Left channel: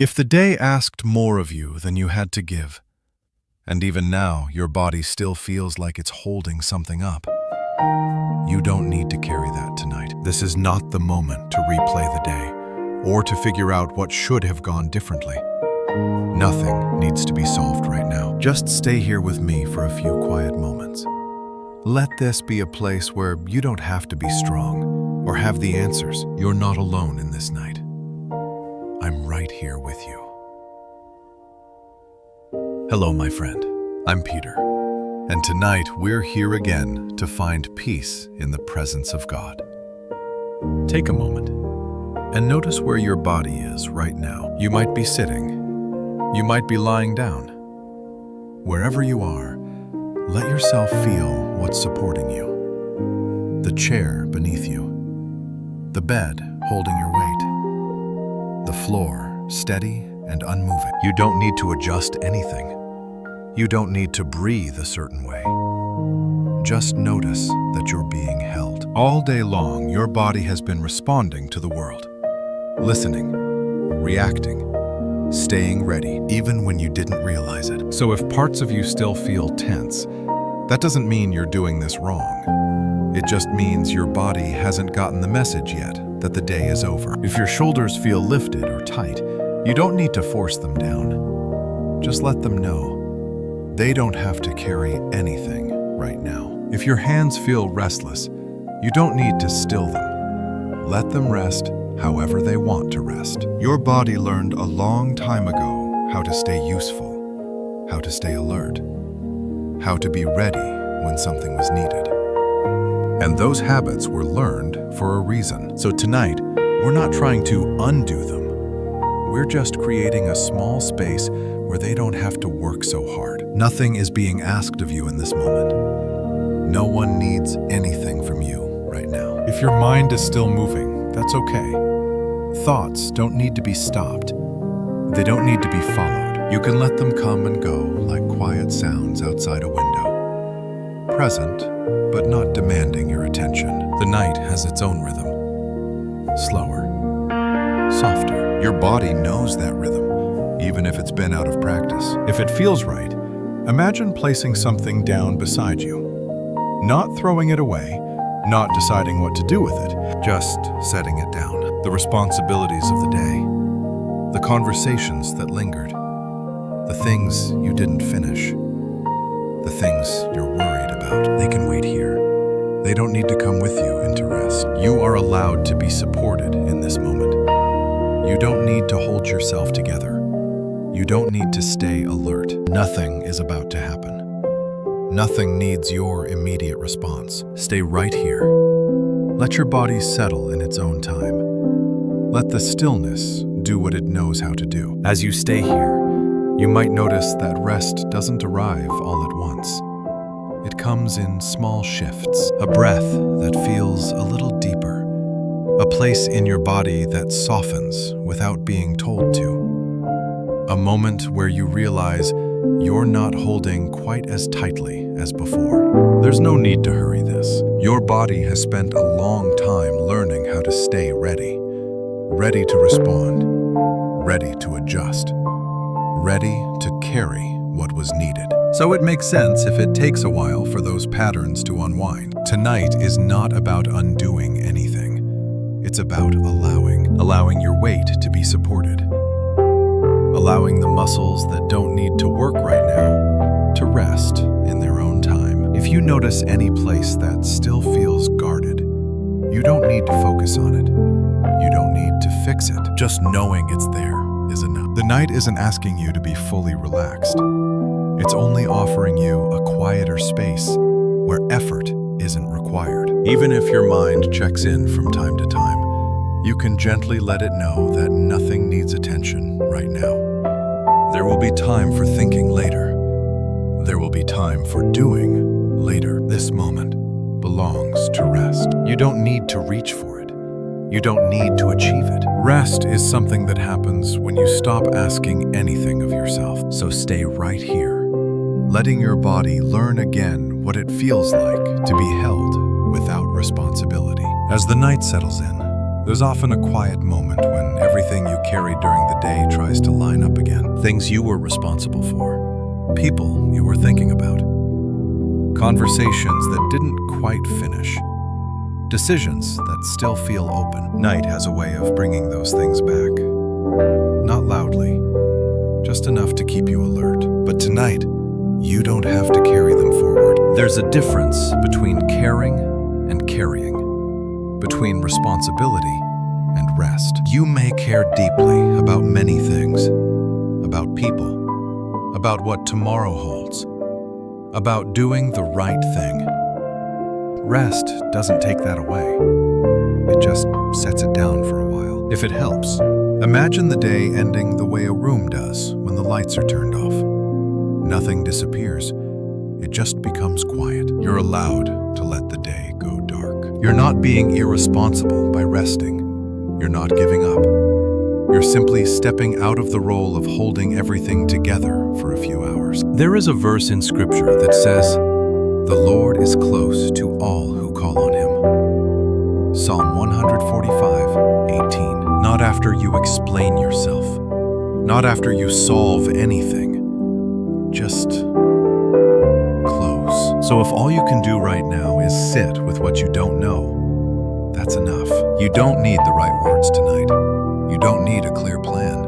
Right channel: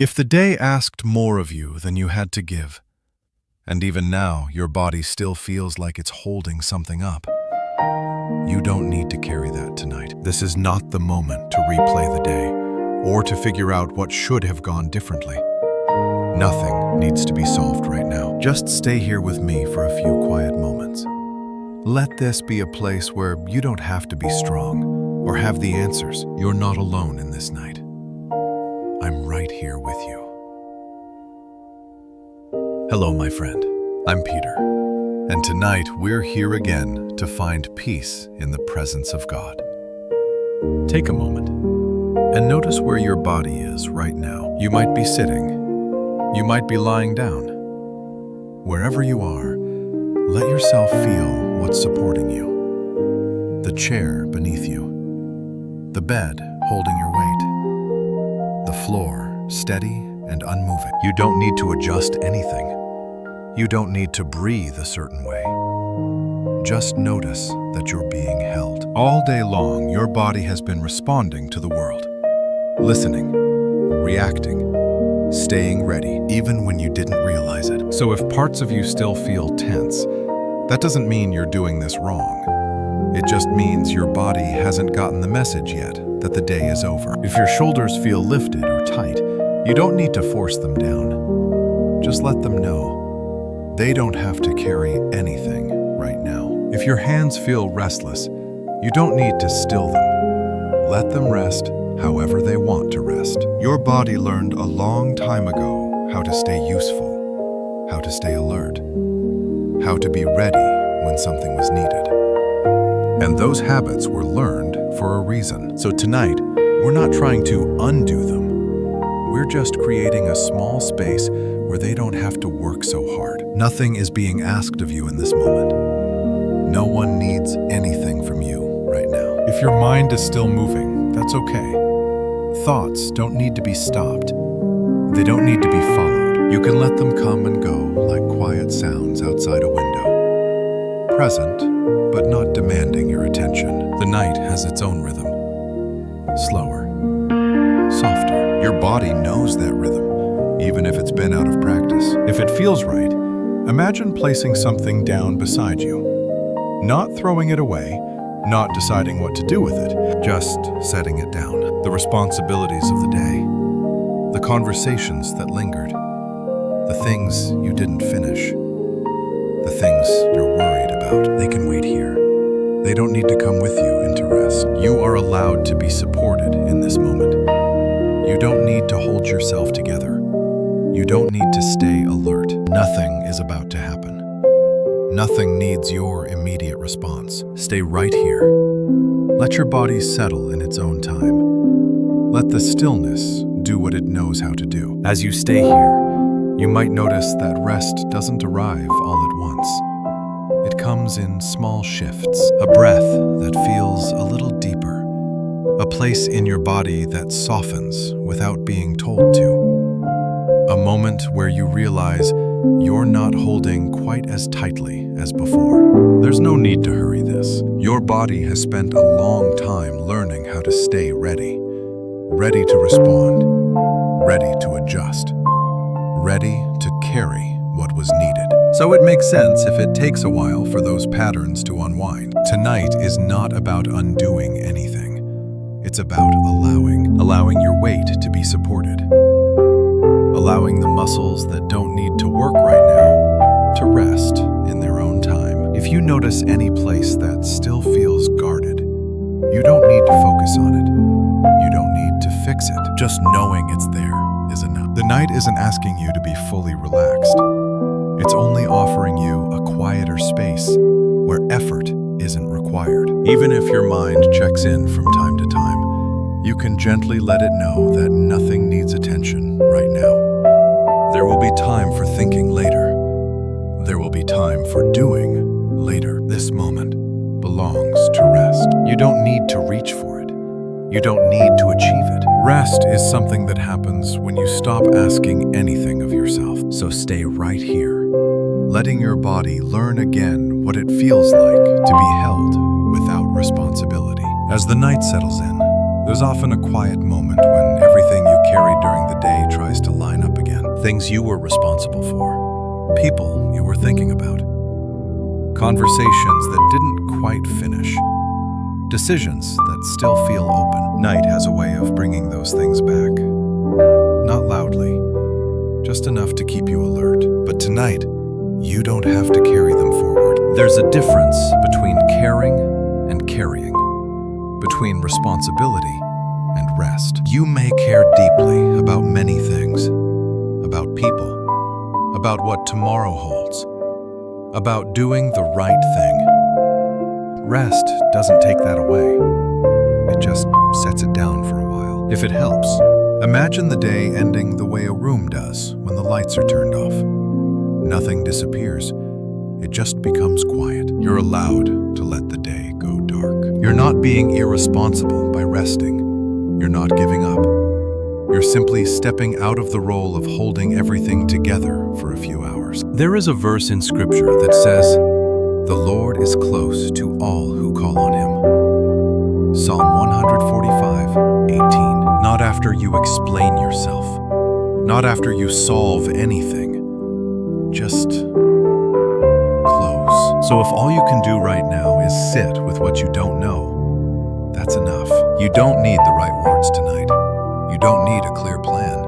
If the day asked more of you than you had to give, and even now your body still feels like it's holding something up, you don't need to carry that tonight. This is not the moment to replay the day or to figure out what should have gone differently. Nothing needs to be solved right now. Just stay here with me for a few quiet moments. Let this be a place where you don't have to be strong or have the answers. You're not alone in this night. I'm right here with you. Hello, my friend. I'm Peter, and tonight we're here again to find peace in the presence of God. Take a moment and notice where your body is right now. You might be sitting. You might be lying down. Wherever you are, let yourself feel what's supporting you. The chair beneath you. The bed holding your weight. The floor steady and unmoving. You don't need to adjust anything. You don't need to breathe a certain way. Just notice that you're being held. All day long, your body has been responding to the world. Listening, reacting, staying ready, even when you didn't realize it. So if parts of you still feel tense, that doesn't mean you're doing this wrong. It just means your body hasn't gotten the message yet that the day is over. If your shoulders feel lifted or tight, you don't need to force them down. Just let them know they don't have to carry anything right now. If your hands feel restless, you don't need to still them. Let them rest however they want to rest. Your body learned a long time ago how to stay useful, how to stay alert, how to be ready when something was needed. And those habits were learned for a reason. So tonight, we're not trying to undo them. We're just creating a small space where they don't have to work so hard. Nothing is being asked of you in this moment. No one needs anything from you right now. If your mind is still moving, that's okay. Thoughts don't need to be stopped. They don't need to be followed. You can let them come and go like quiet sounds outside a window. Present, but not demanding your attention. The night has its own rhythm. Slower, softer. Your body knows that rhythm, even if it's been out of practice. If it feels right, imagine placing something down beside you. Not throwing it away, not deciding what to do with it, just setting it down. The responsibilities of the day, the conversations that lingered, the things you didn't finish, the things you're worried about. They can wait here. They don't need to come with you into rest. You are allowed to be supported in this moment. You don't need to hold yourself together. You don't need to stay alert. Nothing is about to happen. Nothing needs your immediate response. Stay right here. Let your body settle in its own time. Let the stillness do what it knows how to do. As you stay here, you might notice that rest doesn't arrive all at once. It comes in small shifts, a breath that feels a little deeper, a place in your body that softens without being told to, a moment where you realize you're not holding quite as tightly as before. There's no need to hurry this. Your body has spent a long time learning how to stay ready. Ready to respond, ready to adjust, ready to carry what was needed. So it makes sense if it takes a while for those patterns to unwind. Tonight is not about undoing anything. It's about allowing your weight to be supported, allowing the muscles that don't need to work right now to rest in their own time. If you notice any place that still feels guarded, you don't need to focus on it. You don't need to fix it. Just knowing it's there is enough. The night isn't asking you to be fully relaxed. It's only offering you a quieter space where effort isn't required. Even if your mind checks in from time to time, you can gently let it know that nothing needs attention right now. There will be time for thinking later. There will be time for doing later. This moment belongs to rest. You don't need to reach for it. You don't need to achieve it. Rest is something that happens when you stop asking anything of yourself. So stay right here, letting your body learn again what it feels like to be held without responsibility. As the night settles in, There's often a quiet moment when everything you carried during the day tries to line up again. Things you were responsible for, people you were thinking about, conversations that didn't quite finish, decisions that still feel open. Night has a way of bringing those things back. Not loudly, just enough to keep you alert. But tonight, you don't have to carry them forward. There's a difference between caring and carrying, between responsibility and rest. You may care deeply about many things, about people, about what tomorrow holds, about doing the right thing. Rest doesn't take that away. It just sets it down for a while. If it helps, imagine the day ending the way a room does when the lights are turned off. Nothing disappears. It just becomes quiet. You're allowed to let the day go dark. You're not being irresponsible by resting. You're not giving up. You're simply stepping out of the role of holding everything together for a few hours. There is a verse in Scripture that says, "The Lord is close to all who call on Him." Psalm 145:18. Not after you explain yourself, not after you solve anything, just close. So if all you can do right now is sit with what you don't know, that's enough. You don't need the right words tonight. You don't need a clear plan.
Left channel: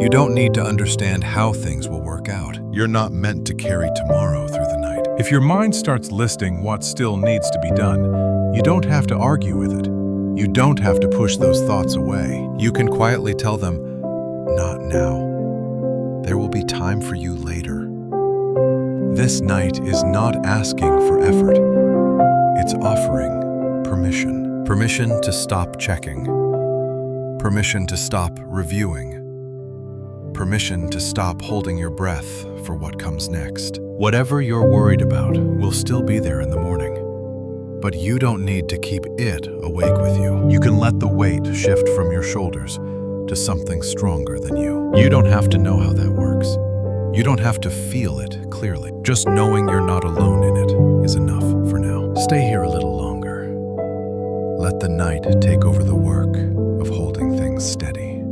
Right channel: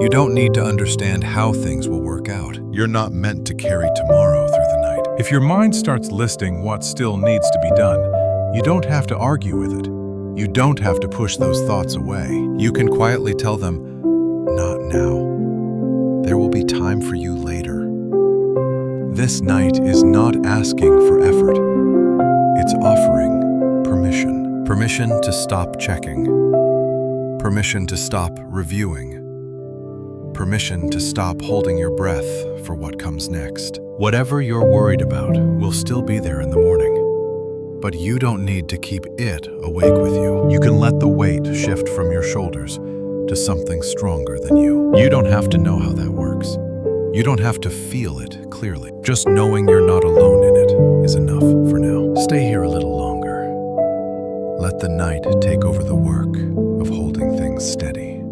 You don't need to understand how things will work out. You're not meant to carry tomorrow through the night. If your mind starts listing what still needs to be done, you don't have to argue with it. You don't have to push those thoughts away. You can quietly tell them, "Not now. There will be time for you later." This night is not asking for effort. It's offering permission. Permission to stop checking. Permission to stop reviewing. Permission to stop holding your breath for what comes next. Whatever you're worried about will still be there in the morning, but you don't need to keep it awake with you. You can let the weight shift from your shoulders to something stronger than you. You don't have to know how that works. You don't have to feel it clearly. Just knowing you're not alone in it is enough for now. Stay here a little longer. Let the night take over the work of holding things steady.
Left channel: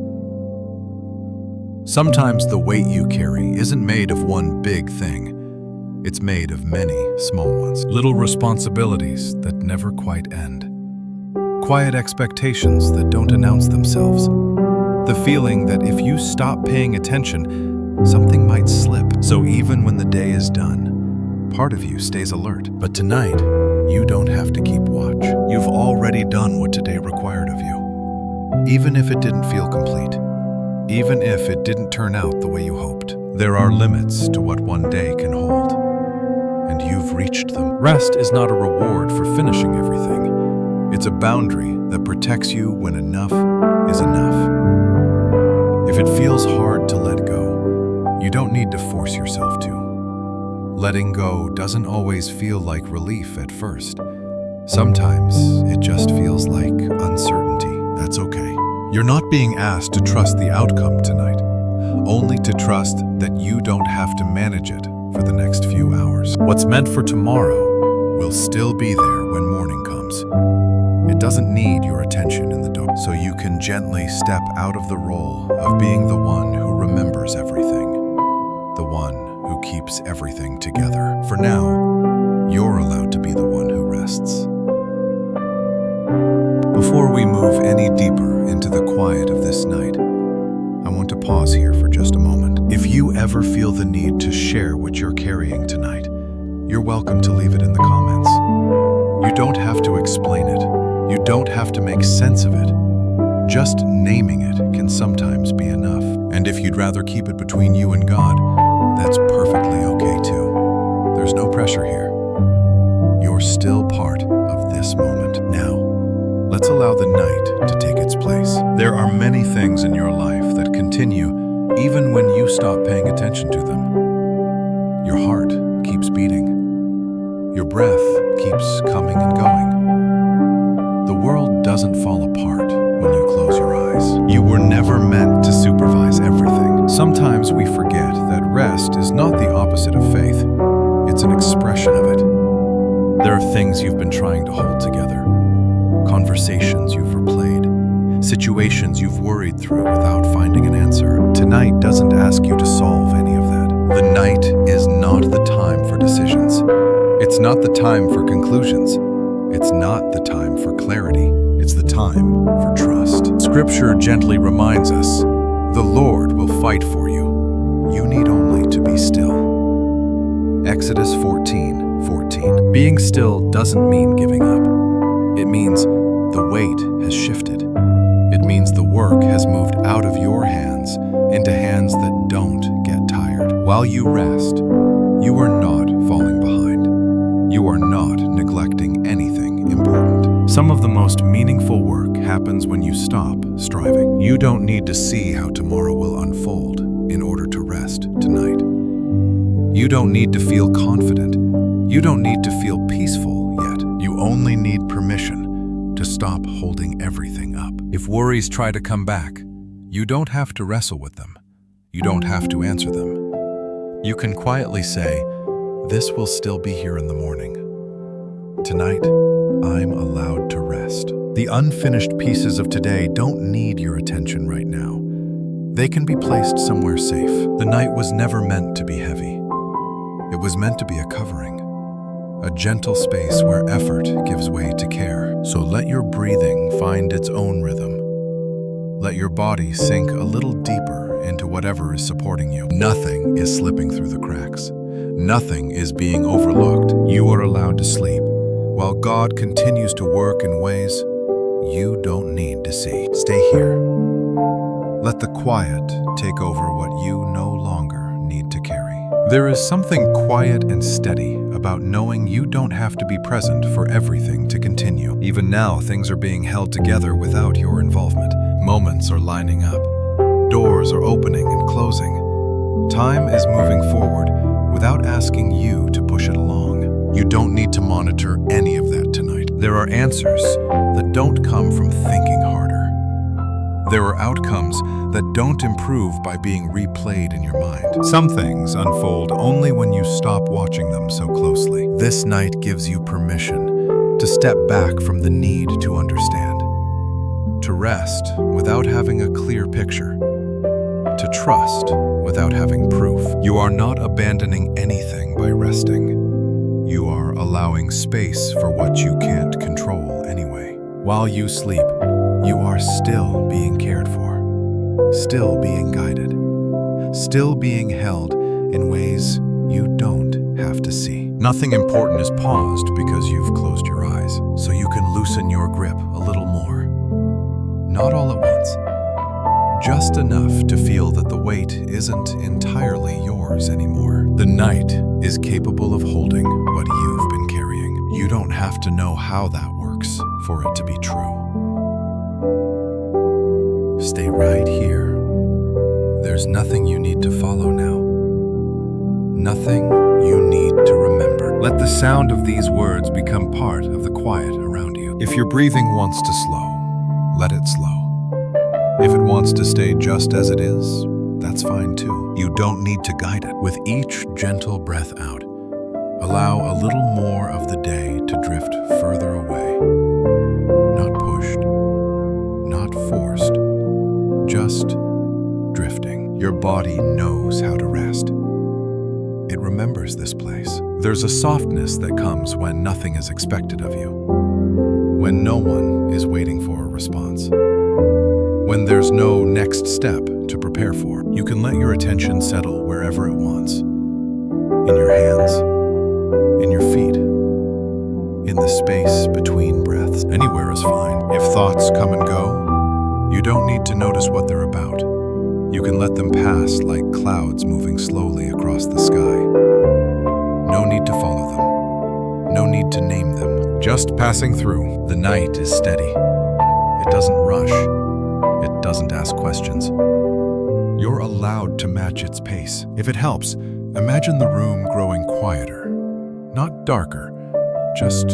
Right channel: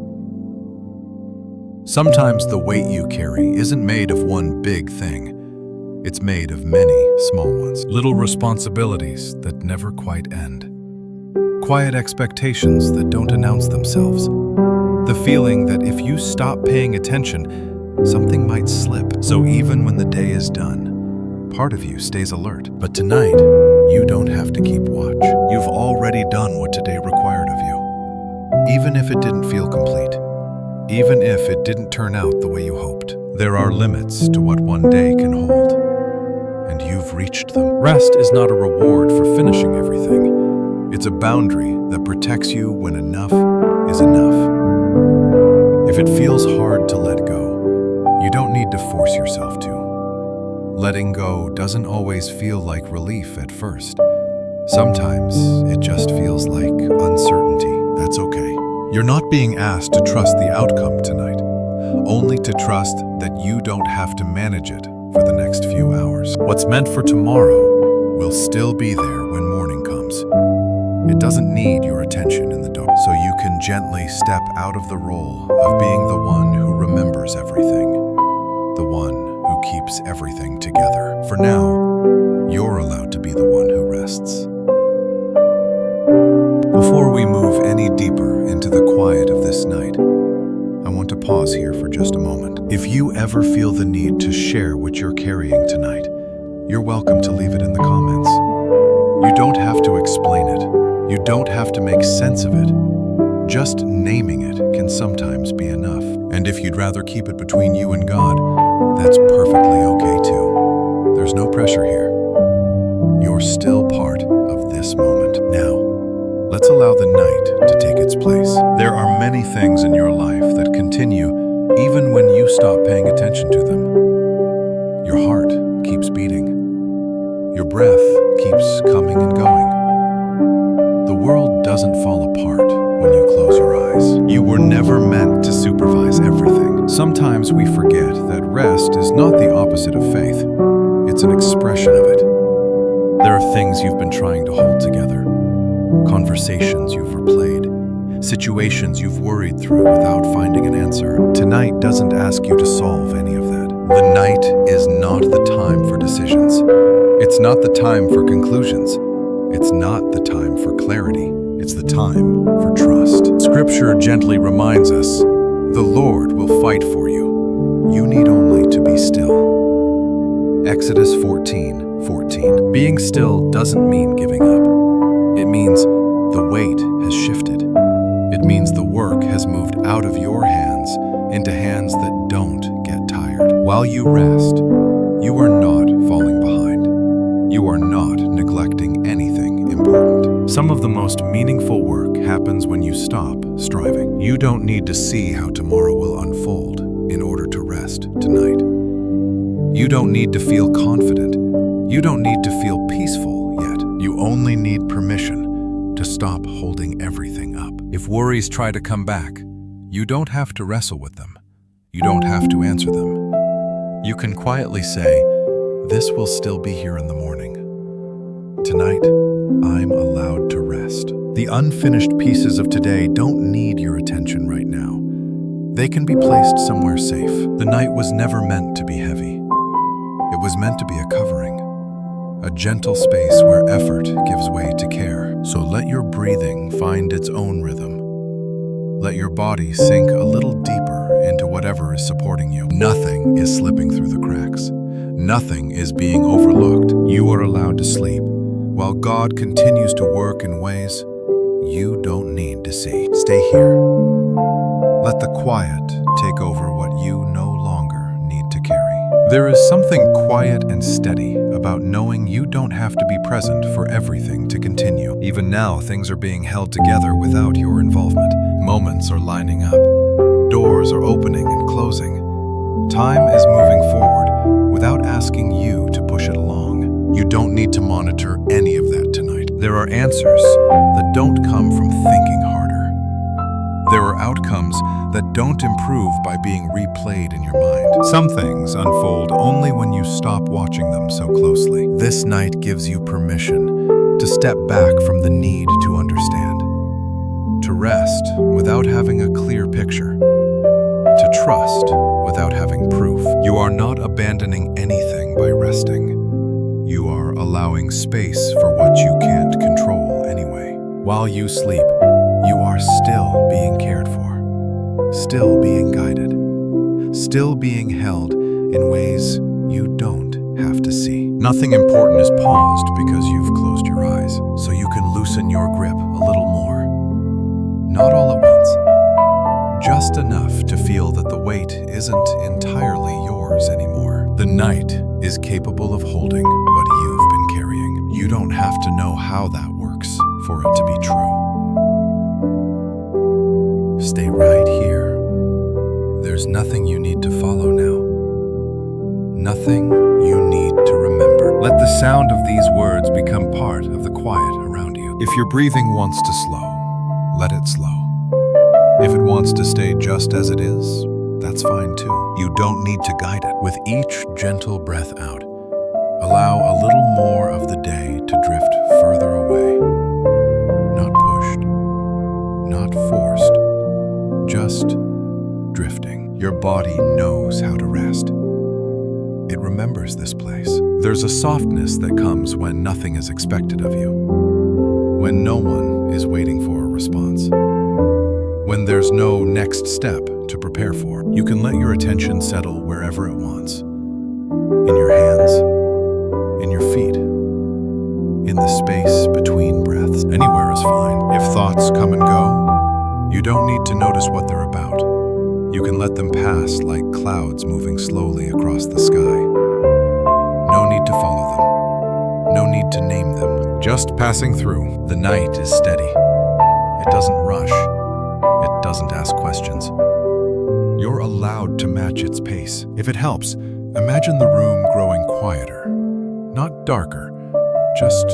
Sometimes the weight you carry isn't made of one big thing. It's made of many small ones. Little responsibilities that never quite end. Quiet expectations that don't announce themselves. The feeling that if you stop paying attention, something might slip. So even when the day is done, part of you stays alert. But tonight, you don't have to keep watch. You've already done what today required of you. Even if it didn't feel complete. Even if it didn't turn out the way you hoped. There are limits to what one day can hold. And you've reached them. Rest is not a reward for finishing everything. It's a boundary that protects you when enough is enough. If it feels hard to let go, you don't need to force yourself to. Letting go doesn't always feel like relief at first. Sometimes it just feels like uncertainty. That's okay. You're not being asked to trust the outcome tonight, only to trust that you don't have to manage it for the next few hours. What's meant for tomorrow will still be there when morning comes. It doesn't need your attention in the dark. So you can gently step out of the role of being the one who remembers everything, the one who keeps everything together. For now, you're allowed to be the one who rests. Before we move any deeper into the quiet of this night, I want to pause here for just a moment. If you ever feel the need to share what you're carrying tonight, you're welcome to leave it in the comments. You don't have to explain it. You don't have to make sense of it. Just naming it can sometimes be enough. And if you'd rather keep it between you and God, that's perfectly okay too. There's no pressure here. You're still part of this moment. Now, let's allow the night to take its place. There are many things in your life that continue even when you stop paying attention to them. Your heart keeps beating. Your breath keeps coming and going. The world doesn't fall apart when you close your eyes. You were never meant to supervise everything. Sometimes we forget that rest is not the opposite of faith. It's an expression of it. There are things you've been trying to hold together, conversations you've replayed, situations you've worried through without finding an answer. Tonight doesn't ask you to solve any of that. The night is not the time for decisions. It's not the time for conclusions. It's not the time for clarity. It's the time for trust. Scripture gently reminds us, the Lord will fight for you. You need only to be still. Exodus 14:14. Being still doesn't mean giving up. It means the weight has shifted. It means the work has moved out of your hands into hands that don't get tired. While you rest, you are not falling behind. You are not neglecting anything important. Some of the most meaningful work happens when you stop striving. You don't need to see how tomorrow will unfold in order to rest tonight. You don't need to feel confident. You don't need to feel peaceful yet. You only need permission to stop holding everything up. If worries try to come back, you don't have to wrestle with them. You don't have to answer them. You can quietly say, "This will still be here in the morning. Tonight, I'm allowed to rest." The unfinished pieces of today don't need your attention right now. They can be placed somewhere safe. The night was never meant to be heavy. It was meant to be a covering, a gentle space where effort gives way to care. So let your breathing find its own rhythm. Let your body sink a little deeper into whatever is supporting you. Nothing is slipping through the cracks. Nothing is being overlooked. You are allowed to sleep, while God continues to work in ways you don't need to see. Stay here. Let the quiet take over what you no longer need to carry. There is something quiet and steady about knowing you don't have to be present for everything to continue. Even now, things are being held together without your involvement. Moments are lining up. Doors are opening and closing. Time is moving forward without asking you to push it along. You don't need to monitor any of that tonight. There are answers that don't come from thinking harder. There are outcomes that don't improve by being replayed in your mind. Some things unfold only when you stop watching them so closely. This night gives you permission to step back from the need to understand, to rest without having a clear picture, to trust without having proof. You are not abandoning anything by resting. You are allowing space for what you can't control anyway. While you sleep, you are still being cared for, still being guided, still being held in ways you don't have to see. Nothing important is paused because you've closed your eyes, so you can loosen your grip a little more. Not all at once, just enough to feel that the weight isn't entirely yours anymore. The night is capable of holding what you've been carrying. You don't have to know how that works for it to be true. Stay right here. There's nothing you need to follow now. Nothing you need to remember. Let the sound of these words become part of the quiet around you. If your breathing wants to slow, let it slow. If it wants to stay just as it is, that's fine too. You don't need to guide it. With each gentle breath out, allow a little more of the day to drift further away. Not pushed, not forced, just drifting. Your body knows how to rest. It remembers this place. There's a softness that comes when nothing is expected of you, when no one is waiting for a response, when there's no next step to prepare for. You can let your attention settle wherever it wants, in your hands, in your feet, in the space between breaths. Anywhere is fine. If thoughts come and go, you don't need to notice what they're about. You can let them pass like clouds moving slowly across the sky. No need to follow them. No need to name them. Just passing through. The night is steady. It doesn't rush. It doesn't ask questions. You're allowed to match its pace. If it helps, imagine the room growing quieter. Not darker, just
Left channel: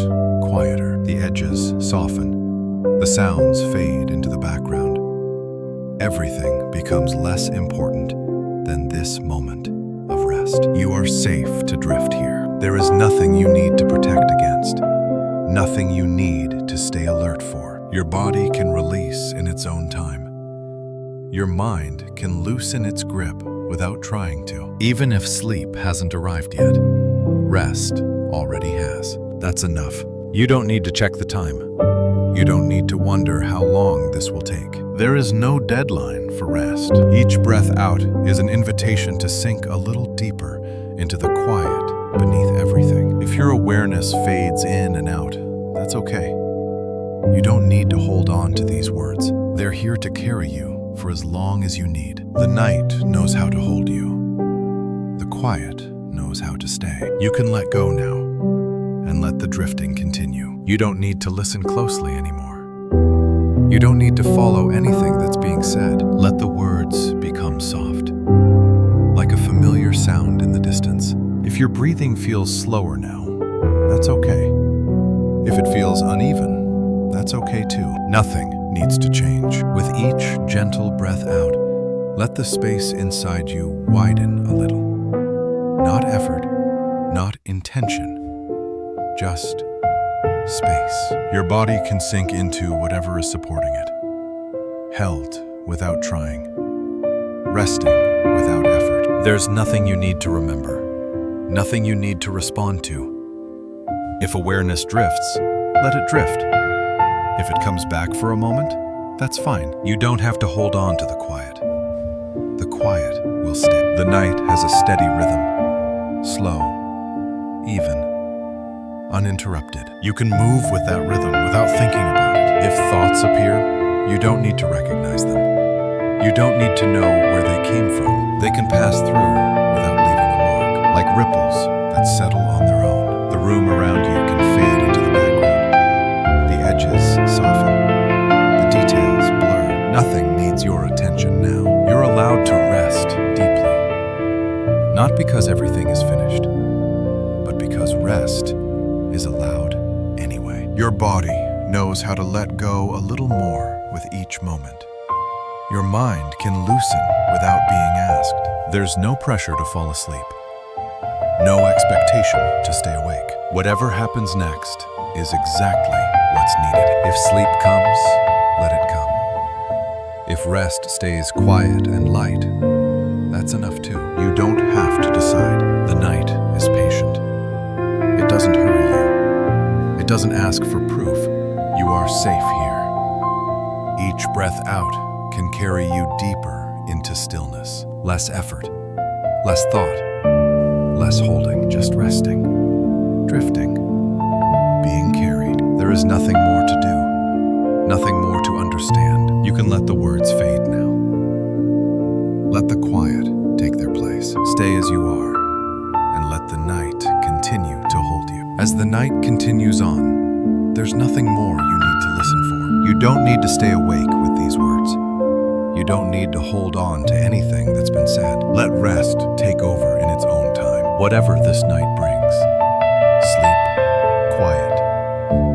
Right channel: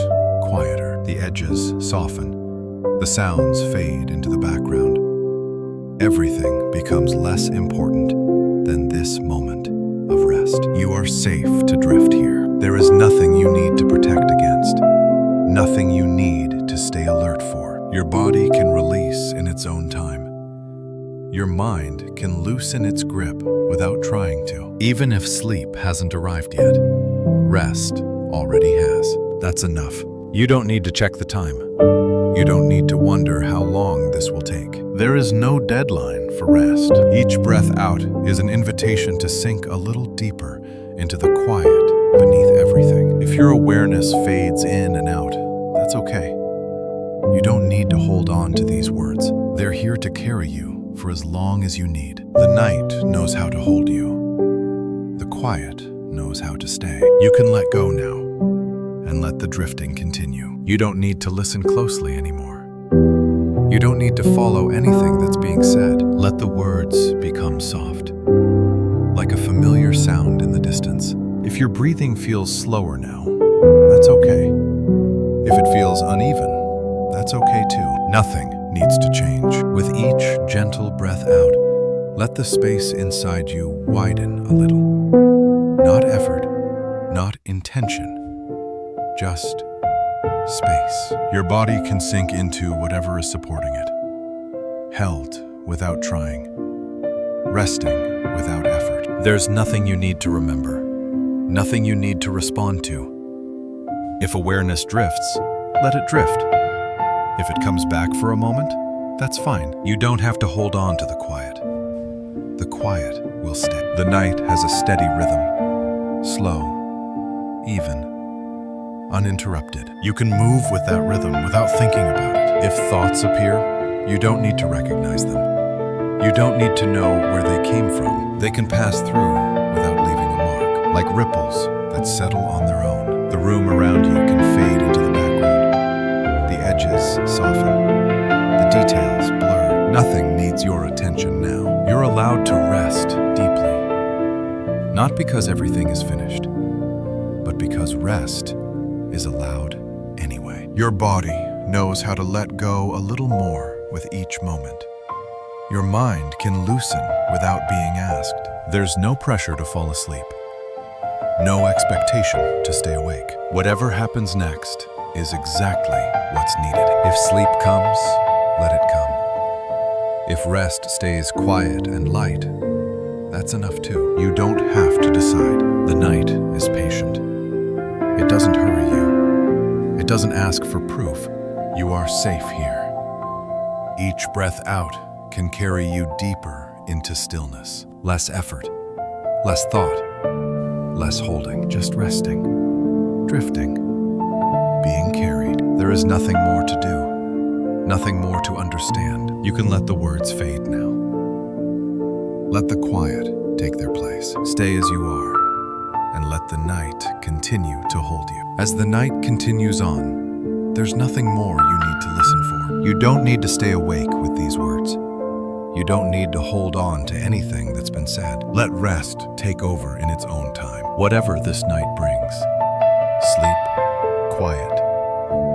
quieter. The edges soften. The sounds fade into the background. Everything becomes less important than this moment of rest. You are safe to drift here. There is nothing you need to protect against, nothing you need to stay alert for. Your body can release in its own time. Your mind can loosen its grip without trying to. Even if sleep hasn't arrived yet, rest already has. That's enough. You don't need to check the time. You don't need to wonder how long this will take. There is no deadline for rest. Each breath out is an invitation to sink a little deeper into the quiet beneath everything. If your awareness fades in and out, that's okay. You don't need to hold on to these words. They're here to carry you for as long as you need. The night knows how to hold you. The quiet knows how to stay. You can let go now and let the drifting continue. You don't need to listen closely anymore. You don't need to follow anything that's being said. Let the words become soft, like a familiar sound in the distance. If your breathing feels slower now, that's okay. If it feels uneven, that's okay too. Nothing needs to change. With each gentle breath out, let the space inside you widen a little. Not effort, not intention, just space. Your body can sink into whatever is supporting it. Held without trying. Resting without effort. There's nothing you need to remember. Nothing you need to respond to. If awareness drifts, let it drift. If it comes back for a moment, that's fine. You don't have to hold on to the quiet. The quiet will stay. The night has a steady rhythm. Slow, even, uninterrupted. You can move with that rhythm without thinking about it. If thoughts appear, you don't need to recognize them. You don't need to know where they came from. They can pass through without leaving a mark, like ripples that settle on their own. The room around you can fade into the background. The edges soften. The details blur. Nothing needs your attention now. You're allowed to rest deeply. Not because everything is finished, but because rest is allowed anyway. Your body knows how to let go a little more with each moment. Your mind can loosen without being asked. There's no pressure to fall asleep. No expectation to stay awake. Whatever happens next is exactly what's needed. If sleep comes, let it come. If rest stays quiet and light, that's enough too. You don't have to decide. The night is patient. It doesn't hurry you. It doesn't ask for proof. You are safe here. Each breath out can carry you deeper into stillness. Less effort, less thought, less holding, just resting, drifting, being carried. There is nothing more to do, nothing more to understand. You can let the words fade now. Let the quiet take their place. Stay as you are, and let the night continue to hold you. As the night continues on, there's nothing more you need to listen for. You don't need to stay awake with these words. You don't need to hold on to anything that's been said. Let rest take over in its own time. Whatever this night brings, sleep, quiet,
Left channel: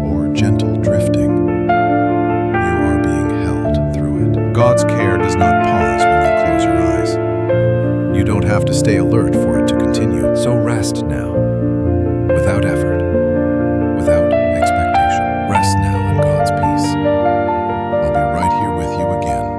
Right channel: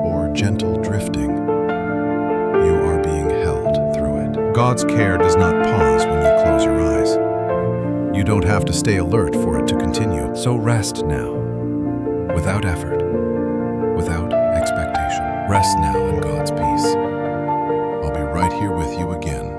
or gentle drifting, you are being held through it. God's care does not pause when you close your eyes. You don't have to stay alert for it to continue. So rest now, without effort, without expectation. Rest now in God's peace. I'll be right here with you again